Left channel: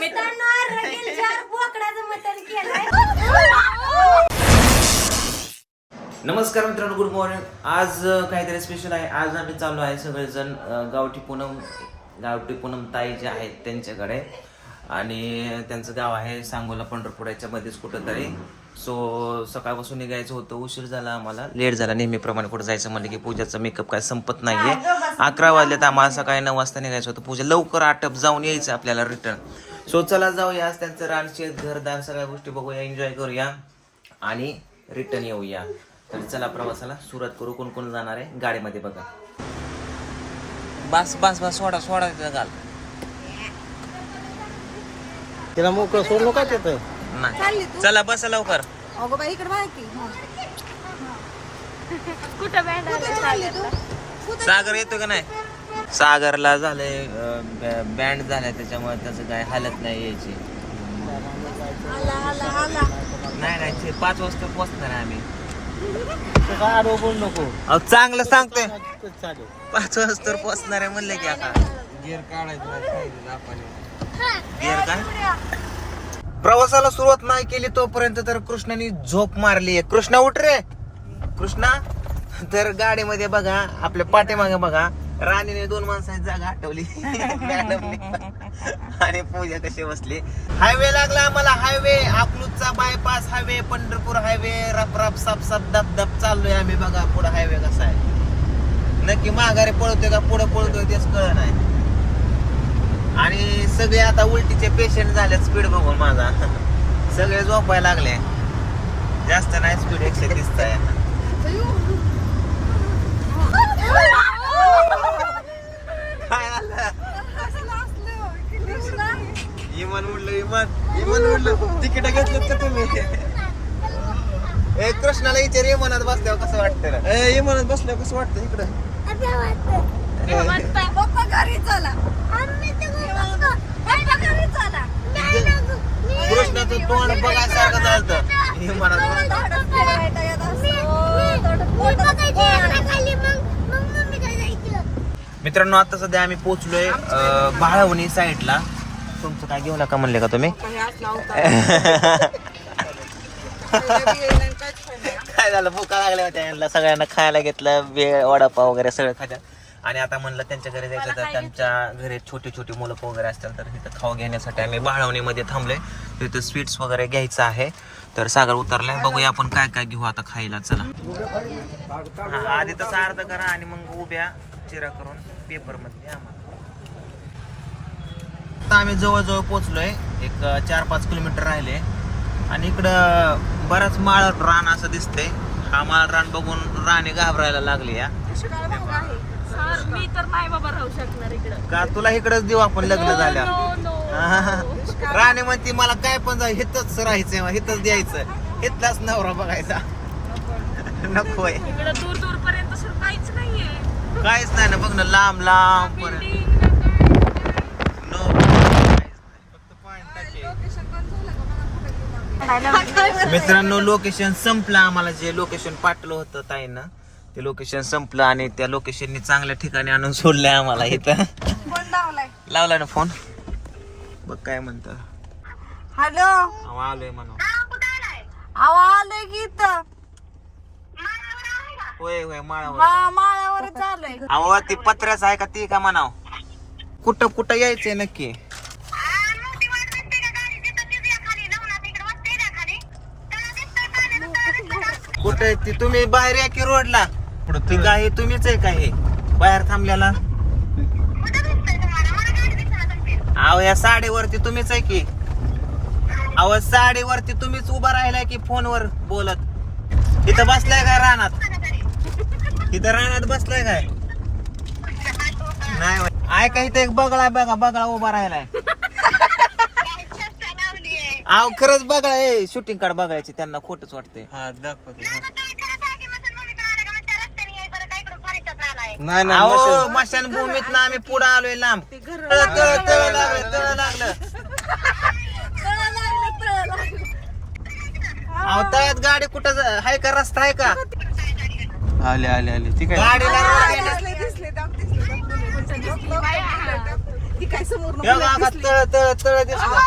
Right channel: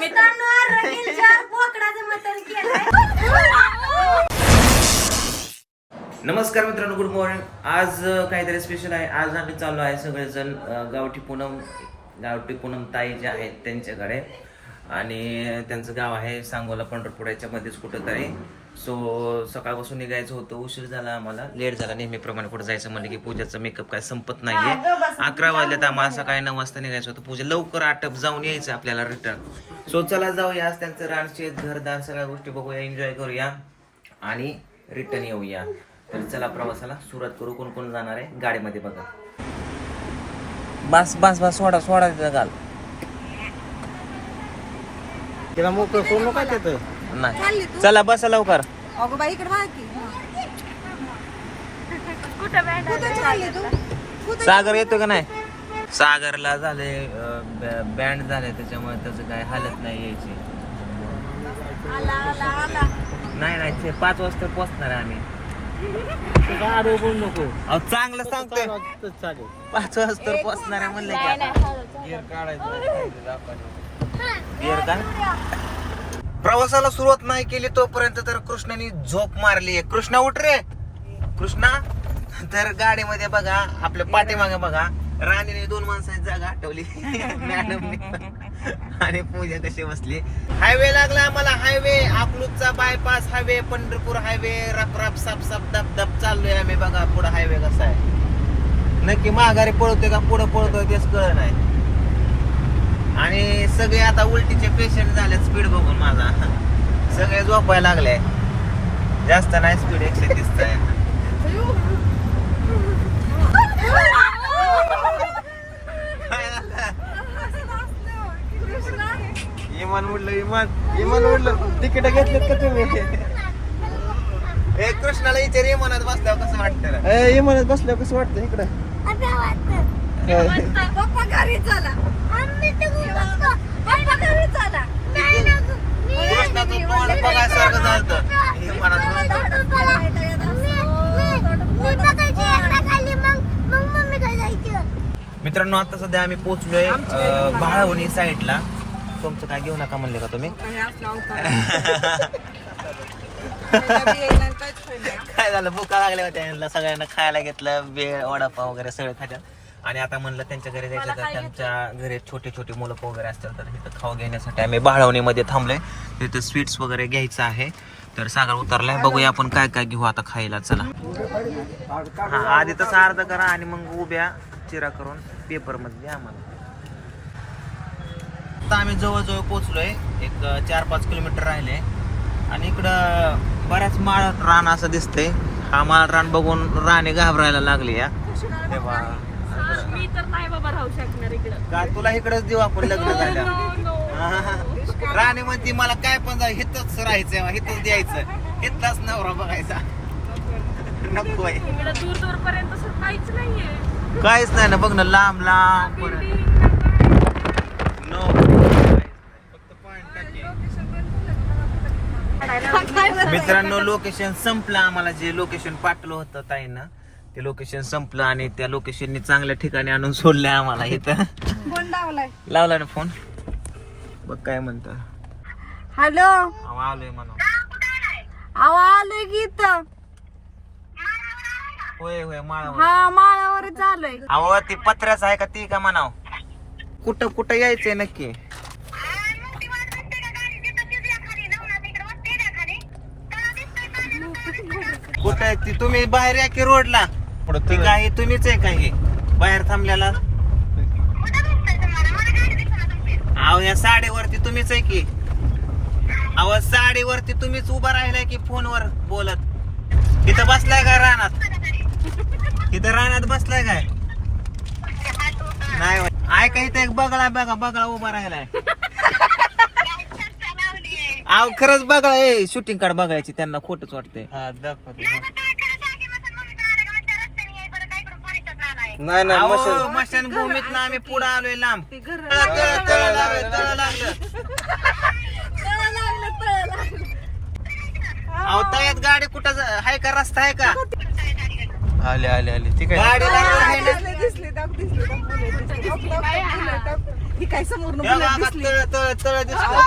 नमस्कार मित्रांनो good morning आज काहीतरी स्पेशल आहे. आज आम्ही चाललो आहे सगळेजण गावठी पूनम गावठी पूनम ताई जे आहेत त्यांच्याकडे. आणि त्यांचं गाव आहे सांगोला पंढरपूर. याच्या मध्येच कुठंतरी. सो सकाळपासून निघायचं होतं. उशीर झाला आम्हाला. लेट झाला. नेहमीप्रमाणे कुठं जायचं म्हणलं की पूजाचं मेकअप काय संपत नाहीये. अकरा वाजल्यात आम्हाला सकाळी नऊ वाजता निघायचं होतं. पूजा लवकर आटप जाऊन यायचं आपल्याला रिटर्न सो चला जाऊया आज त्यांचं रानशेत घरदार सगळ्या गोष्टी बघूया एन्जॉय करूया. आणि रिटर्न येऊया. तर चला प्रवासाला सुरुवात करू कोण कोण जाणार आहे? गाडीमध्ये बघा. बस बस बस सोडा सोडा घाल. तिला मोकळं सोडलं काय तिथं. नाही. चला बसा लवकर. अगो बाई इकडे बघा की. कुठे चालली तू? सागर येतो का नाही? सागरला झाले बँड झाले त्याच्यामुळे त्याचं काय हालत नाही यायची. नाही नाही ते पाच वाजता पोहोचणार आहे आम्ही. काय नको चांगलं सांगतोय. पाच वाजता पोहोचणार आहे म्हणलं की आता. गिअर काढायचं गिअर का? प्रवासाला सुरुवात नाही केली तोपर्यंत तर कृष्णाने झोप मारली आहे. कृष्णा उठ रे. कृष्णा तर गाडीमध्ये बघा आपल्या पाठीमागे बघा. राणीने दोन माणसाची जागा हटवली. मॅडमने. आणि पूजा कशी बसली. हायवे लागला आम्हाला हायवे. अकलूजचा बायपास हायवे पंढरपूर हायवे. रप रप सप सप दप दप चाललोय आम्ही. बघा पुढे हायवे कसा आहे. नक्की माघारी पळतोय का पुढे पळतोय तेच कळ नाही. आणि सगळे आता उलटीचे पेशंट झाले स्पीड बघून माझा. सगळे झोपायला लागले. जास्त नाही स्पीड एकशे तीसचा आहे. इमान उडलं इमान इमान उडलं तिकीट घेतलेत का तुम्ही? ए कृष्णाला विचार इमानात बसल्यावर कसं वाटतं? ए बसल्या कसं वाटतं इकडं? पप्पा घरी चला. पप्पा घरी चला. कृष्णाचं तोंड बघायसारखं झालं इमानात बसल्यावर. मित्रांनो आता सध्या आम्ही पोहोचलोय बाळवणी साईडला तुमचं काय घेऊ नका म्हणले का तुम्ही? काय झालं? भुका लागल्या होत्या यांना. सगळ्यांना खायला घेतलं वेळ वडापाव वगैरे सगळं खात्या. आणि आता म्हणलं त्यांच्या घरी जायचं तर त्यांच्या घरी छोटी छोटी मुलं वगैरे असतील तर तिथं खाऊ घेण्यासाठी आम्ही बाळवणीमध्ये थांबलोय. तिथं स्वीट्स वगैरे घ्यायचं आहे. तर सागर उतरलाय. बघूया आपण काय काय घेऊ आता खायला. चला. हा आधी तसं अर्ध करा आणि मग उभ्या चिरा करून पेपरमध्ये द्या आम्हाला. आता आम्ही जवळजवळ पोहोचलोय. एक अं, चार पाच किलोमीटर राहिले. आणि इकडं बराच माळ रान असं दिसते आम्हाला रान बघून राणी घाबरायला लागली या. मी तर नाही बाबा राहू शकणार इकडं. का तुला इकडेच देऊ आपण लग्न झाल्या राणी म्हणते मला काय पण जाऊ हिथच राहायचंय हिथच द्यायचं. हिथलाच नवरा बघायचा. नकोय इकडं दूर दूर पर्यंत सर काहीच नाहीये. काहीच नाही ना बघ ना लांब लांब पर्यंत. मित्रांनो लोकेशन संपलं आम्हाला. जे लोकेशन पाठवलं होतं ताईनं ते लोकेशन संपलं आणि त्या लोकेशननी चांगल्या ठिकाणी आणून सोडलंय आम्हाला इथं. लावलाय लावला ना फोन बघ काय म्हणत. हॅलो? आलोय आवा आलोय की इथं. होय होय माळावर. हा माळावर चालूय अहो ती पत्र्याच आहे का ती का म्हणाव? कुठं कुठं यायचंय नक्की? कुठं आहे? ती तुम्ही बाहेर या की रोडला? ती गाय तुम्हीच आहे का हे? बाहेर थांबल्याला अहो या साडीवरती तुम्हीच आहे की? अहो साडीवरती तुम्हीच उभा राहिलाय की फोनवर बोलत? तिथं बसलाय काय रानात? तिथं रानात बसलाय काय? नाही आहे का इथं एक बगळा बघा बगळा उभा राहिलाय. अहो खरंच बघा ए शूटिंग कार्ड बघायची त्यांना खोटच वाटतंय. हा दाखवतो. नाही नाही मशानभूमीत ना आम्ही पुढे आलोय लांब. तळ तळ तळ लागलं तळ लागलं. अहो तळ्यात गाडी कुठं जा- आहे का रस्ता आहे का? आले आले आले. ठीक आहे. गाडीला दिसले. दिसले तळ दिसलं.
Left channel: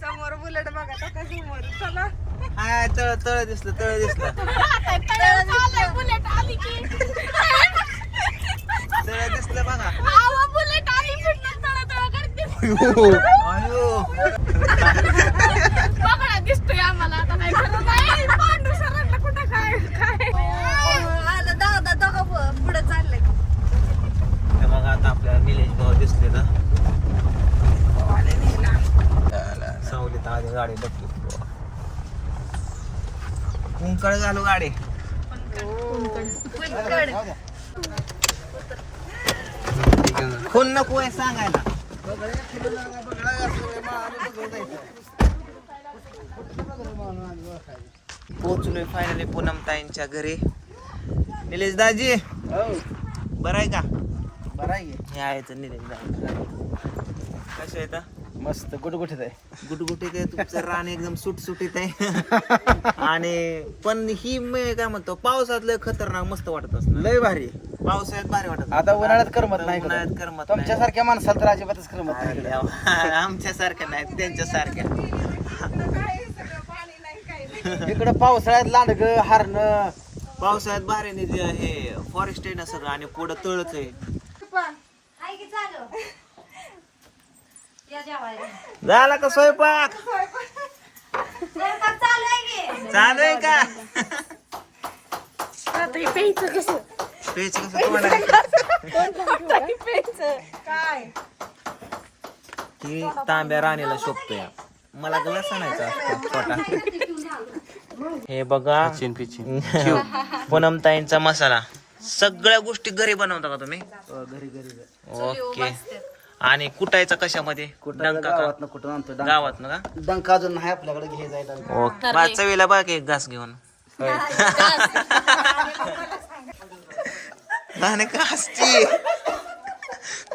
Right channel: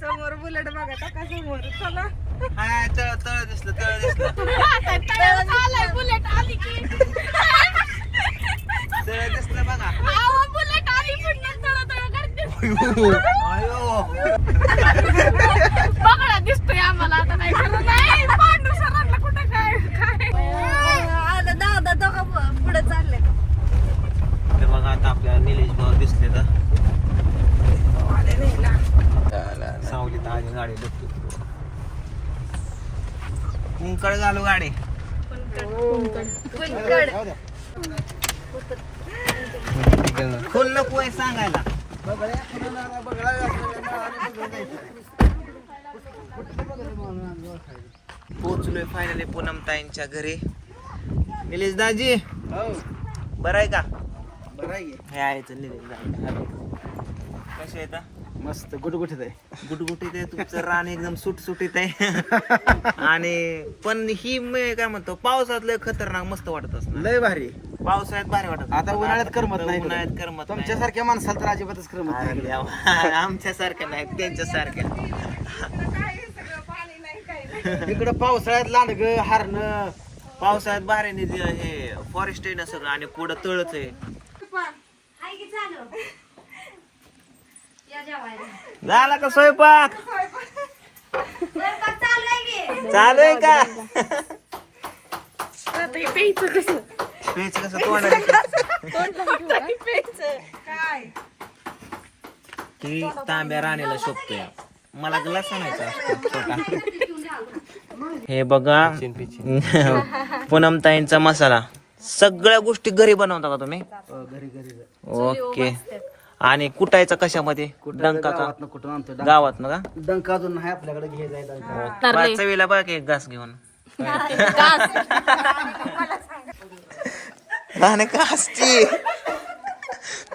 समोर बुलेट बघा काका समोर. चला. हाय तळ तळ दिसलं तळ दिसलं. बुलेट आली की. तळ दिसलं बघा. बुलेट आली की दिसतोय आम्हाला आता काय नाही पांडू सरांना कुठं काय काय आलं दादा दोघं पुढे चाललंय हे बघा आता आपल्याला निलेश भाऊ दिसले का सावलीत आली गाडी बघतो. कुंकड घालू गाडी. फोन नको आहे सांगायला. पोचलोय फायनली पूनम ताईंच्या घरी. निलेश दाजी बरं आहे का? बरं आहे? हे आहे तर निलेश दाजी. कसे येतात मस्त गुटगुटीत आहे. गुटगुटीत आहे तुमचं रान एकदम सुटसुटीत आहे. आणि पण ही मी काय म्हणतो पावसात लय खतरनाक मस्त वाटत असणार. लय भारी. पावसाळ्यात भारी वाटत आता उन्हाळ्यात करमत नाही उन्हाळ्यात करमत नाही. तुमच्यासारख्या माणसाला तर अजिबातच करमत अरे नाही. देवा, आमच्यासारख्या नाही त्यांच्यासारख्या. इकडं पावसाळ्यात लांडग हारण. पावसाळ्यात भारी हे फॉरेस्ट आहे ना सगळं आणि पुढं तळच आहे. झाला का स्वयंपाक? चालू आहे का? पेच कसं? ही? तांब्या राणीला शोभतोय. मला ग्लास आणायचा असतो छोटा. हे बघा. पूनमताईंचा मसाला. सगळ्या गोष्टी घरी बनवता का तुम्ही? घरी घरी ओके आणि कुटायचा कशामध्ये? डंका का? गावात कुठं आणतो डंका. गावात ना का? डंका अजून नाही आपल्याकडे घे जाय डंका. ओके बा चवीला बघा एक घास घेऊन. आणि का हसती.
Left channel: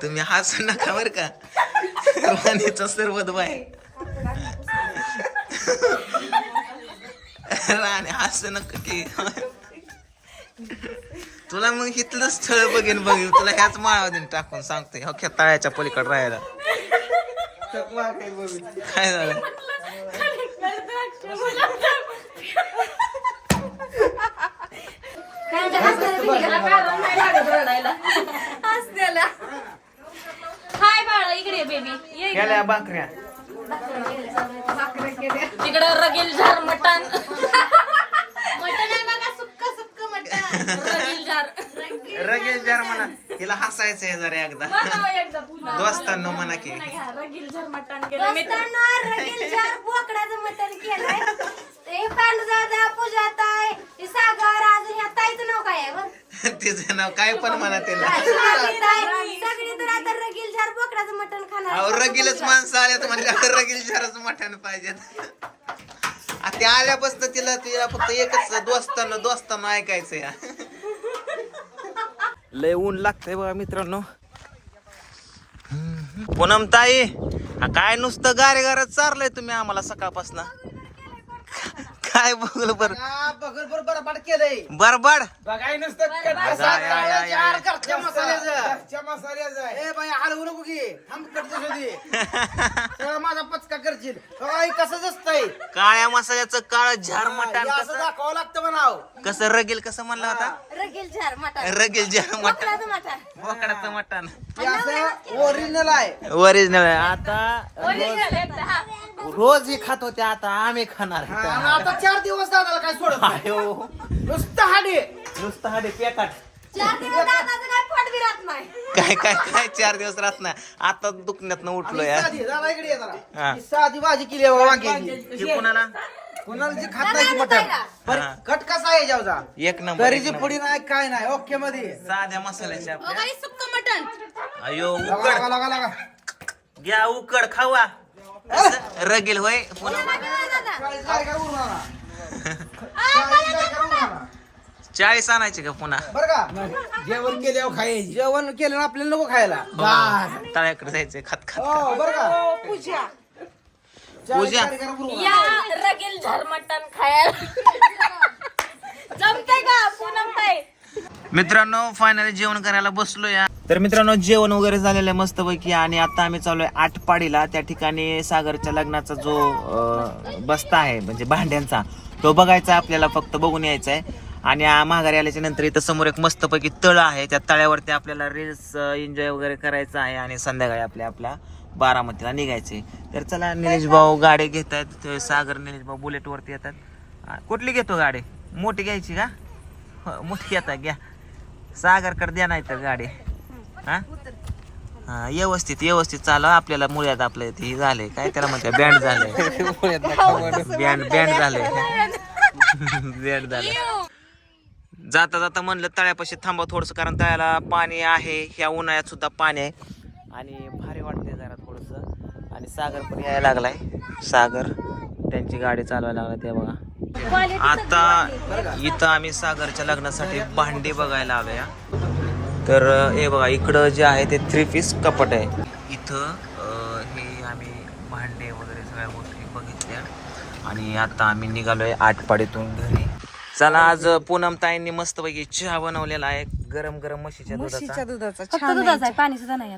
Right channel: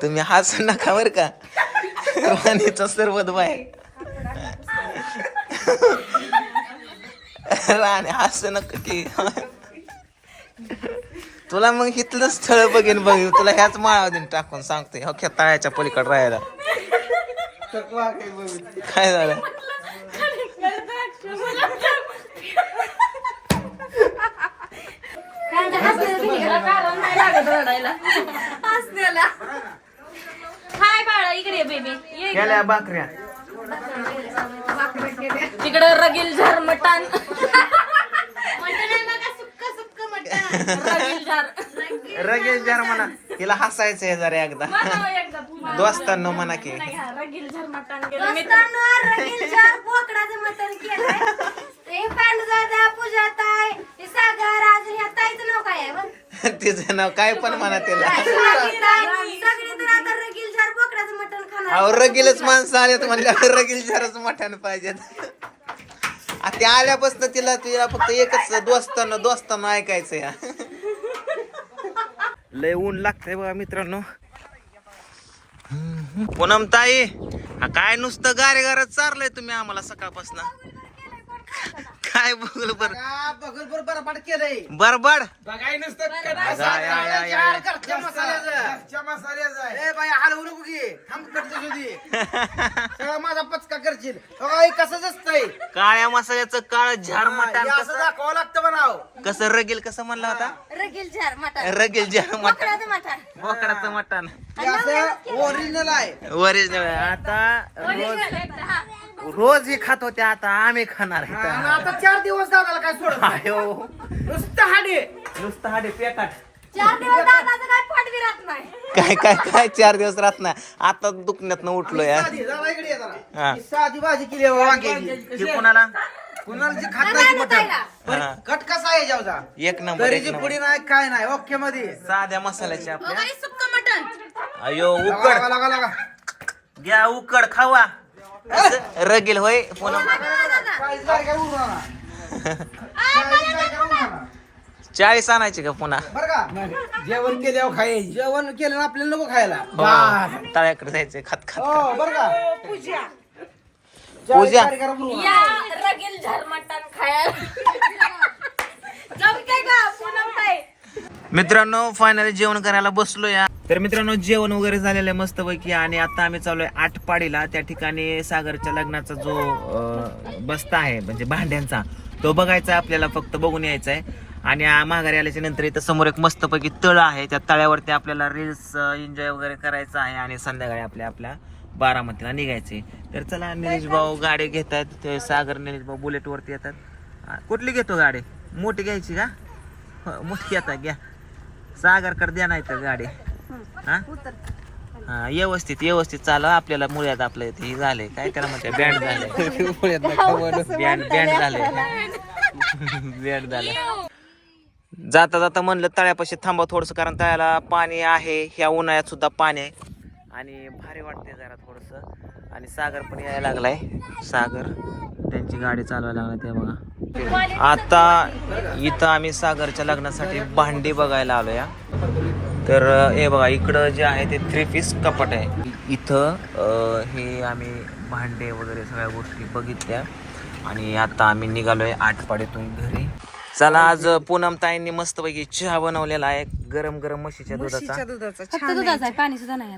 तुम्ही हसू नका बर का. राणीचा सरबत बाय राणी हसू नका की. तुला मग इथलं स्थळ बघेन बघेन. तुला ह्याच माळा देईन टाकून सांगतोय. हो तळ्याच्या पलीकडे राहायला. काय झालं? हाय बाळा इकडे बेबी. ये गेल्या भाकऱ्या इकडे रगेल झर मटण मटण आहे का सुक्क सुक्क मटण रगेल झर रगेश जर म्हणा. तिला हसायचंय जरा एकदा. दोस्तांनो म्हणा की. मटण मटण? तिचं नाव काय पण म्हणा तिला. मटण अहो रगीलच माणसं आलेत म्हणल्यावर रगील जरच मठान पाहिजेत. आ, ते आल्यापासून तिला तिला फक्त एकच दोस्तानं दोस्तानं ऐकायचं या. लय ऊन लागतंय बघा मित्रांनो. पूनम ताई हा काय नुसतं गारे गारच चारलंय तुम्ही आम्हाला सकाळपासून? काय बघलं बर? बघल बरबाद केलंय. बरबड? बघाय नुसतं हलवू नको की. थांब. सगळा माझा पचका करशील. कसंच असतंय काळ्या मसाल्याचं काळ झार हे मटण असं कसं? दाखवावं लागतं म्हणाव. कसं रगेल कसं म्हणलं होता? रगील झार मटण. रगेल झार मटण. बोकडाचं हे असं ओरिजिनल आहे. ओरिजिनल आता रोज रोज हे खात होते आता आम्ही खाणार आणि आहेत. आता चार दिवस दादाला काय सोडत नाही. आयो. नुसतं हाडे. नुसतं हाडे पेकाट चार दिवस दादाचं काय पोट नाही. काय काय काय चार दिवस राहत नाही. आता दुखण्यात उठलो या साधी दादा इकडे ये जरा. हा. ही साधी भाजी केली आहे वांग्याची. हे कोणाला? कुणाला जी खात नाही ती मटण हा. कट कसा आहे जाऊचा एक नंबर एक करीची नंबर. पुडी नाही काय नाही ओके मध्ये. साध्या मसाल्याच्या आपल्या बाई, सुक्क मटण. अयो लागा, उकड. लागा, लागा, लागा. घ्या उकड खावा. रगेल होय. चाळीस आणायची का पुन्हा? बरं का? जेवण केल्यावर खाय जेवण केलं ना आपल्याला नको खायला. हो. तळ्याकडे जायचंय खात खात हो पूजा. रगेल खायला. मित्रांनो फायनली जेवण करायला बसलो या तर मित्रांनो जेवण वगैरे झालेलं आहे मस्तपैकी आणि आता आम्ही चालू आहे आठपाडीला त्या ठिकाणी सागरच्या लग्नाचा जो बस्ता आहे म्हणजे भांड्यांचा तो बघायचा आपल्याला फक्त बघून यायचा आहे आणि माघारी आल्याच्यानंतर इथं समोर एक मस्तपैकी तळ आहे. त्या तळ्यावरती आपल्याला रील्स एन्जॉय वगैरे करायचं आहे आणि संध्याकाळी आपल्या आपल्या बारामतीला निघायचे तर चला निलेश भाऊ गाडी घेत आहेत ते सागर निलेश भाऊ बुलेट वरती येतात. कुठली घेतो गाडी? मोठी घ्यायची का? हो, मोठी घेता घ्या. सागरकडे द्या नाही तर गाडी. हा? हा व्यवस्थित व्यवस्थित चालू. आपल्याला मुळ्यात आपलं इथे हे झालंय. काय त्याला म्हणतात? बँड झालंय. बँड बँड झालंय. बँड झालं जाता जाता म्हणलं तळ्यापाशी थांबा थोडस कारण तळ्याला पाणी आहे. ह्या उन्हाळ्यात सुद्धा पाणी आहे. आणि भारी वाटते जरा थोडस. आणि सागर पण यायला लागलाय. सागर त्यांची गाडी चालवायला लागली ते बघा. आता इथं आम्ही सागरच्या लग्नासाठी भांडी बघायला आलो या तर हे बघा इकडं जे आहे ते थ्री पीस कपाट आहे. इथं अं, हे आम्ही भांडे वगैरे सगळ्या गोष्टी बघितल्या. आणि आता आम्ही निघालोय आटपाडीतून घरी. चला आज पूनम ताईंनी मस्तपैकी चहा बनवलेला आहे. गरम गरम म्हशीच्या दुधाचा. फक्त दुधाचा आहे पाणी सुद्धा नाही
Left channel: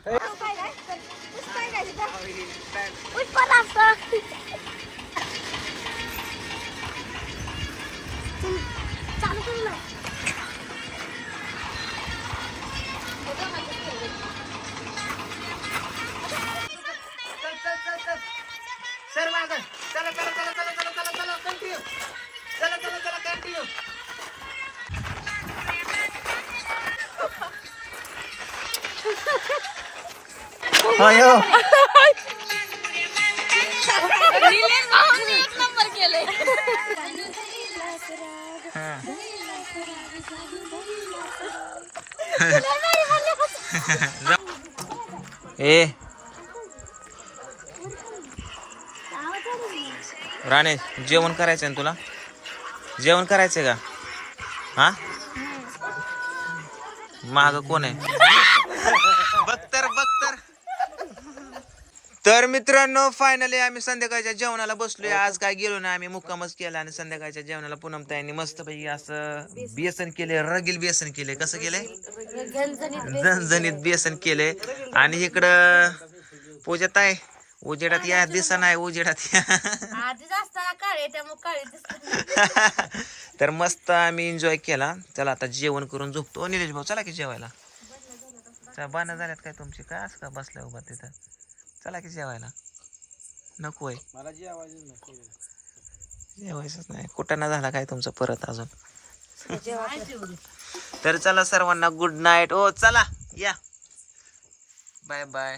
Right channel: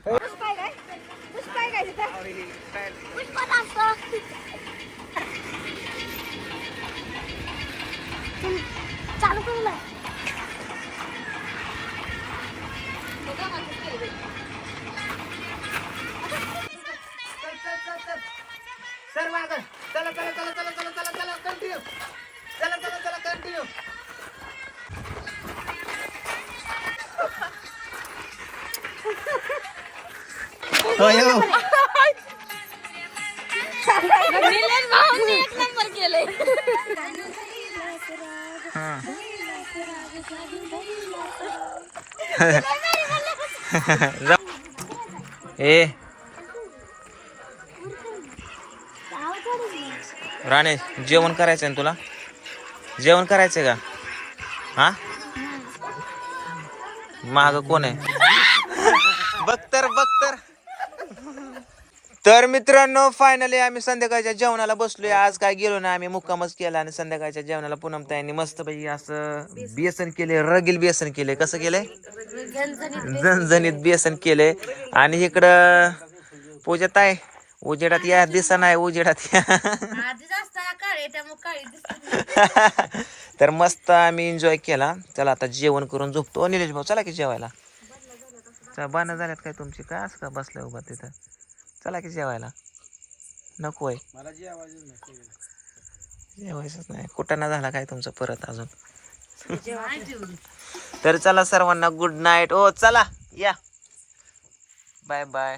अयो हा. ए राणे जेवण करायचंय ना तुला? जेवण करायचंय का? हा? माग कोण आहे? तर मित्रांनो फायनली आम्ही संध्याकाळच्या जेवणाला बसलोय. आज काय गेलो ना आम्ही मुक्कामच केला आणि संध्याकाळच्या जेवणाला पूनम ताईंनी मस्तपैकी असं बेसन केले रगील बेसन केले. कसं केलंय झणझणीत बेसन केले. आणि इकडं पूजात आहे उजेडात या दिसा नाही उजेडात या. तर मस्त आम्ही एन्जॉय केला. चला आता जेवण करून झोपतो. निलेश भाऊ चला की जेवायला. चला झाल्यात काय तुमची? काय असं का बसल्या उभा तिथं? चला की जेवायला. नको आहे. मला जे आवाज नाही जेवायचंच नाही. कुठं ना झाला काय तुमचं परत अजून? तर चला सर्वांना गुड नाईट ओ चला या. Bye bye